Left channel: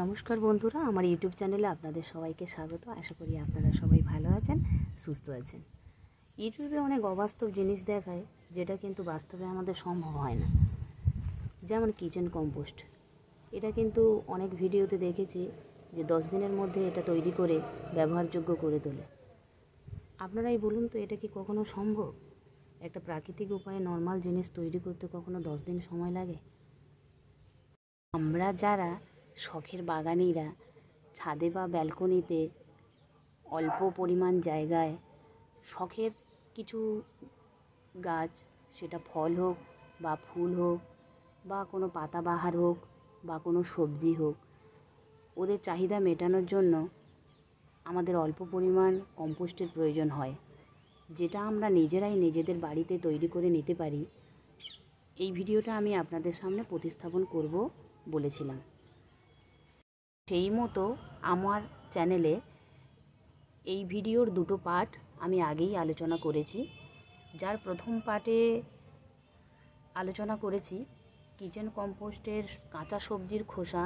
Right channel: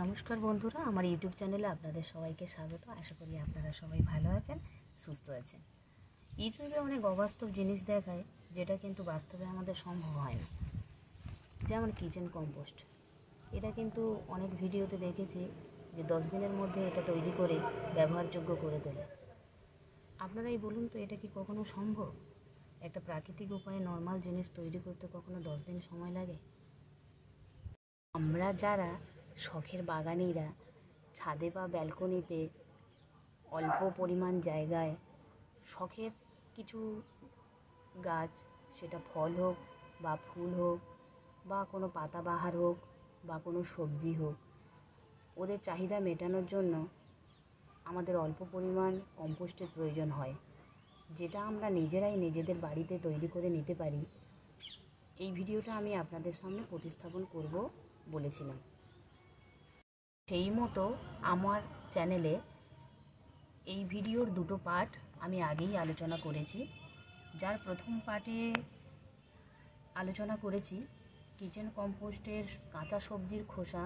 নমস্কার বন্ধুরা, আমার ইউটিউব চ্যানেলে আপনাদের সবাইকে স্বাগত। আশা করি আপনারা সবাই ভালো আছেন, সুস্থ আছেন। ইউটিউবে অনেক অবাস্তব জিনিস দেখায়, যেটা কিন্তু বাস্তবে আমাদের সম্ভব হয় না। যেমন কিচেন কম্পোস্ট, এটা কিন্তু অনেক ভিডিওতে দেখেছি যে 10 দিনের মধ্যে এটা তৈরি করে ব্যবহারযোগ্য করে তোলে। আপনারাই বলুন তো, এটা কি কখনো সম্ভব? একটা প্রাকৃতিক উপায়ে নর্মাল জিনিস তৈরি করতে কখনো 10 দিন সময় লাগে? আমরা যারা শখের বাগানিরা ছাদে বা ব্যালকনিতে অল্প পরিমাণ জায়গায় শখের কিছু গাছ, সেটা ফল হোক বা ফুল হোক বা কোনো পাতাবাহার হোক বা কোনো সবজি হোক, ওদের চাহিদা মেটানোর জন্য আমাদের অল্প পরিমাণ কম্পোস্টের প্রয়োজন হয়, যেটা আমরা নিজেরাই নিজেদের বাড়িতে তৈরি করে নিতে পারি। এই ভিডিওটা আমি আপনাদের সামনে প্রতিস্থাপন করব বলেছিলাম। সেই মতো আমার চ্যানেলে এই ভিডিওর দুটো পার্ট আমি আগেই আলোচনা করেছি। যার প্রথম পার্টে আলোচনা করেছি কিচেন কম্পোস্টের কাঁচা সবজির খোসা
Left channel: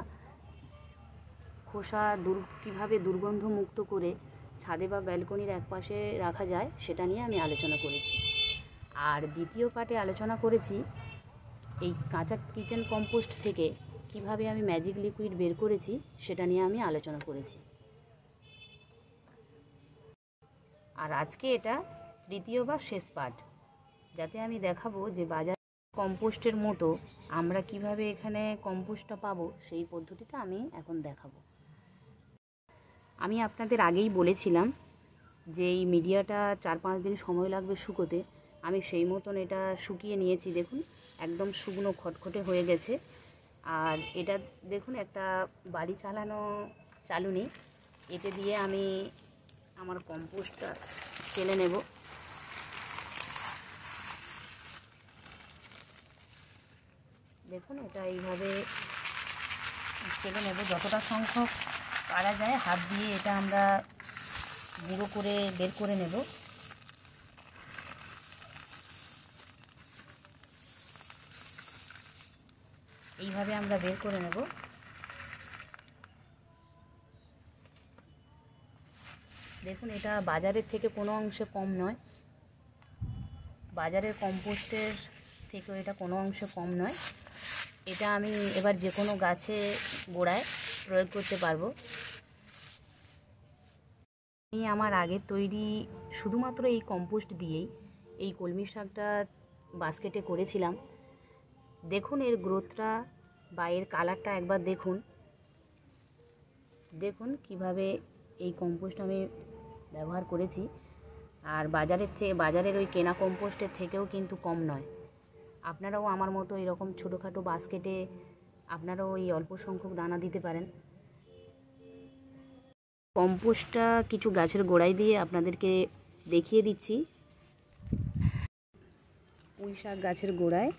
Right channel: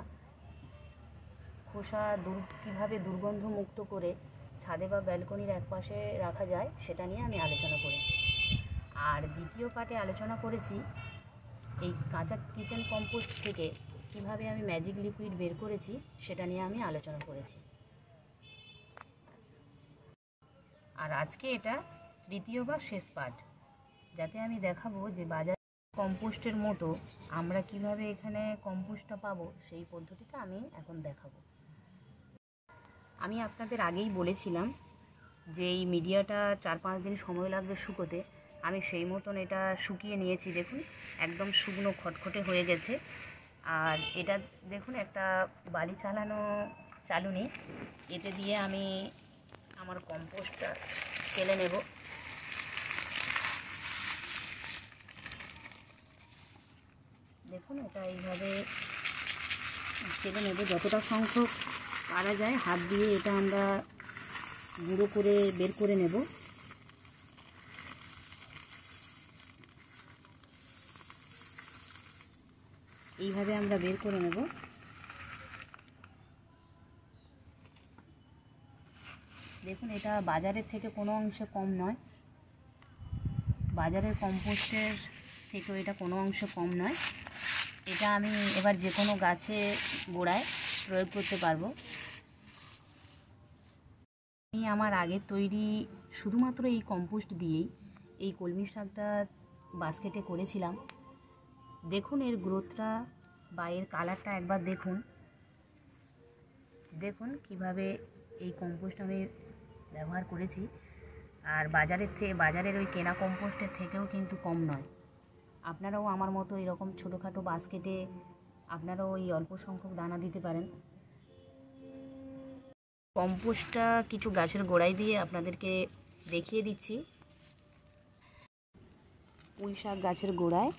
কীভাবে দুর্গন্ধমুক্ত করে ছাদে বা ব্যালকনির একপাশে রাখা যায়, সেটা নিয়ে আমি আলোচনা করেছি। আর দ্বিতীয় পার্টে আলোচনা করেছি এই কাঁচা কিচেন কম্পোস্ট থেকে কিভাবে আমি ম্যাজিক লিকুইড বের করেছি, সেটা নিয়ে আমি আলোচনা করেছি। আর আজকে এটা তৃতীয় বা শেষ পার্ট, যাতে আমি দেখাবো যে বাজার কম্পোস্টের মতো আমরা কিভাবে এখানে কম্পোস্টটা পাবো, সেই পদ্ধতিটা আমি এখন দেখাবো। আমি আপনাদের আগেই বলেছিলাম যে এই মিডিয়াটা 4-5 দিন সময় লাগবে শুকোতে। আমি সেই মতন এটা শুকিয়ে নিয়েছি। দেখুন, একদম শুকনো খটখটে হয়ে গেছে। আর এটা দেখুন, একটা বাড়ি চালানো চালুনি, এতে দিয়ে আমি আমার কম্পোস্টটা চেলে নেব। দেখুন, এটা এইভাবে চেলে নেব, যতটা সংখ্যক পারা যায় হাত দিয়ে এটা আমরা গুঁড়ো করে বের করে নেব। এইভাবে আমরা বের করে নেব। দেখুন, এটা বাজারের থেকে কোনো অংশে কম নয়, বাজারের কম্পোস্টের থেকেও এটা কোনো অংশে কম নয়। এটা আমি এবার যে কোনো গাছে গোড়ায় প্রয়োগ করতে পারবো। আমি আমার আগের তৈরি শুধুমাত্র এই কম্পোস্ট দিয়েই এই কলমি শাকটা বাস্কেটে করেছিলাম। দেখুন এর গ্রোথটা বা এর কালারটা একবার দেখুন। দেখুন কিভাবে এই কম্পোস্ট আমি ব্যবহার করেছি। আর বাজারের ওই কেনা কম্পোস্টের থেকেও কিন্তু কম নয়। আপনারাও আমার মতো এরকম ছোটোখাটো বাস্কেটে আপনারাও এই অল্প সংখ্যক দানা দিতে পারেন। কম্পোস্টটা কিছু গাছের গোড়ায় দিয়ে আপনাদেরকে দেখিয়ে দিচ্ছি। পুঁই শাক গাছের গোড়ায়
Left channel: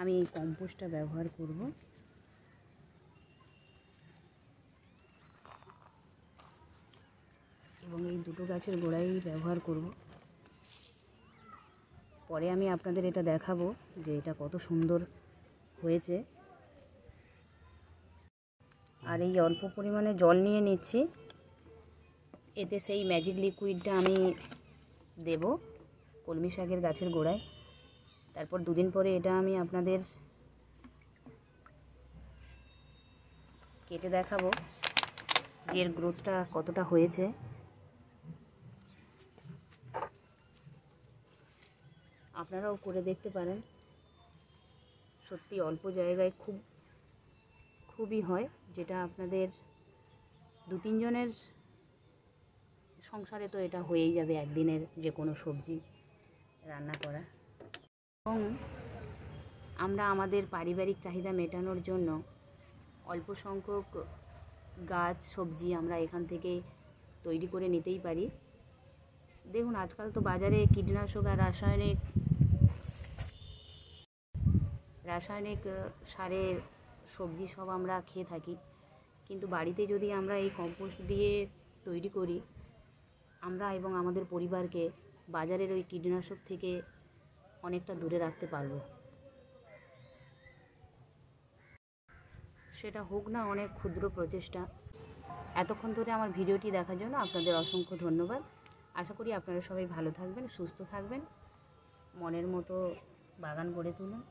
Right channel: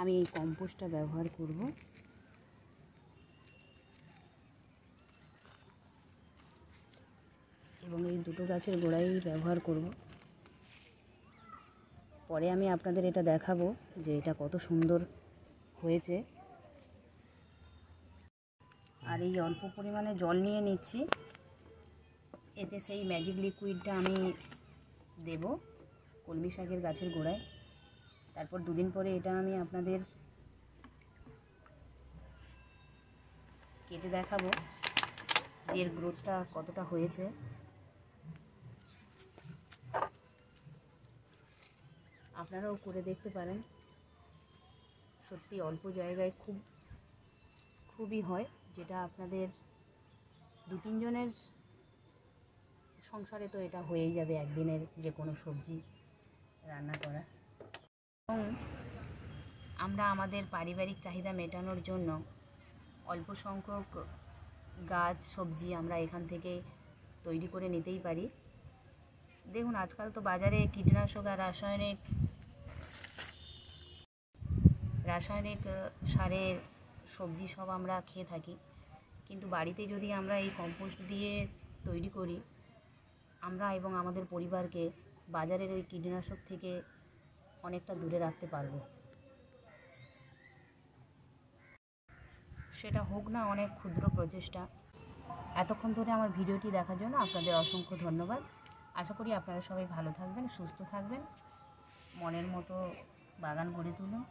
আমি এই কম্পোস্টটা ব্যবহার করব। এবং এই দুটো গাছের গোড়ায় ব্যবহার করব। পরে আমি আপনাদের এটা দেখাবো যে এটা কত সুন্দর হয়েছে। আর এই অল্প পরিমাণে জল নিয়ে নিচ্ছি, এতে সেই ম্যাজিক লিকুইডটা আমি দেব কলমি শাকের গাছের গোড়ায়। তারপর 2 দিন পরে এটা আমি আপনাদের কেটে দেখাবো যে এর গ্রোথটা কতটা হয়েছে। আপনারাও করে দেখতে পারেন। সত্যি অল্প জায়গায় খুবই হয়, যেটা আপনাদের 2-3 জনের সংসারে তো এটা হয়েই যাবে একদিনের যে কোনো সবজি রান্না করা। এবং আমরা আমাদের পারিবারিক চাহিদা মেটানোর জন্য অল্প সংখ্যক গাছ সবজি আমরা এখান থেকে তৈরি করে নিতেই পারি। দেখুন, আজকাল তো বাজারে কীটনাশক আর রাসায়নিক সারের সবজি সব আমরা খেয়ে থাকি, কিন্তু বাড়িতে যদি আমরা এই কম্পোস্ট দিয়ে তৈরি করি, আমরা এবং আমাদের পরিবারকে বাজারের ওই কীটনাশক থেকে অনেকটা দূরে রাখতে পারবো। সেটা হোক না অনেক ক্ষুদ্র প্রচেষ্টা। এতক্ষণ ধরে আমার ভিডিওটি দেখার জন্য আপনাদের অসংখ্য ধন্যবাদ। আশা করি আপনারা সবাই ভালো থাকবেন, সুস্থ থাকবেন, মনের মতো বাগান গড়ে তুলুন।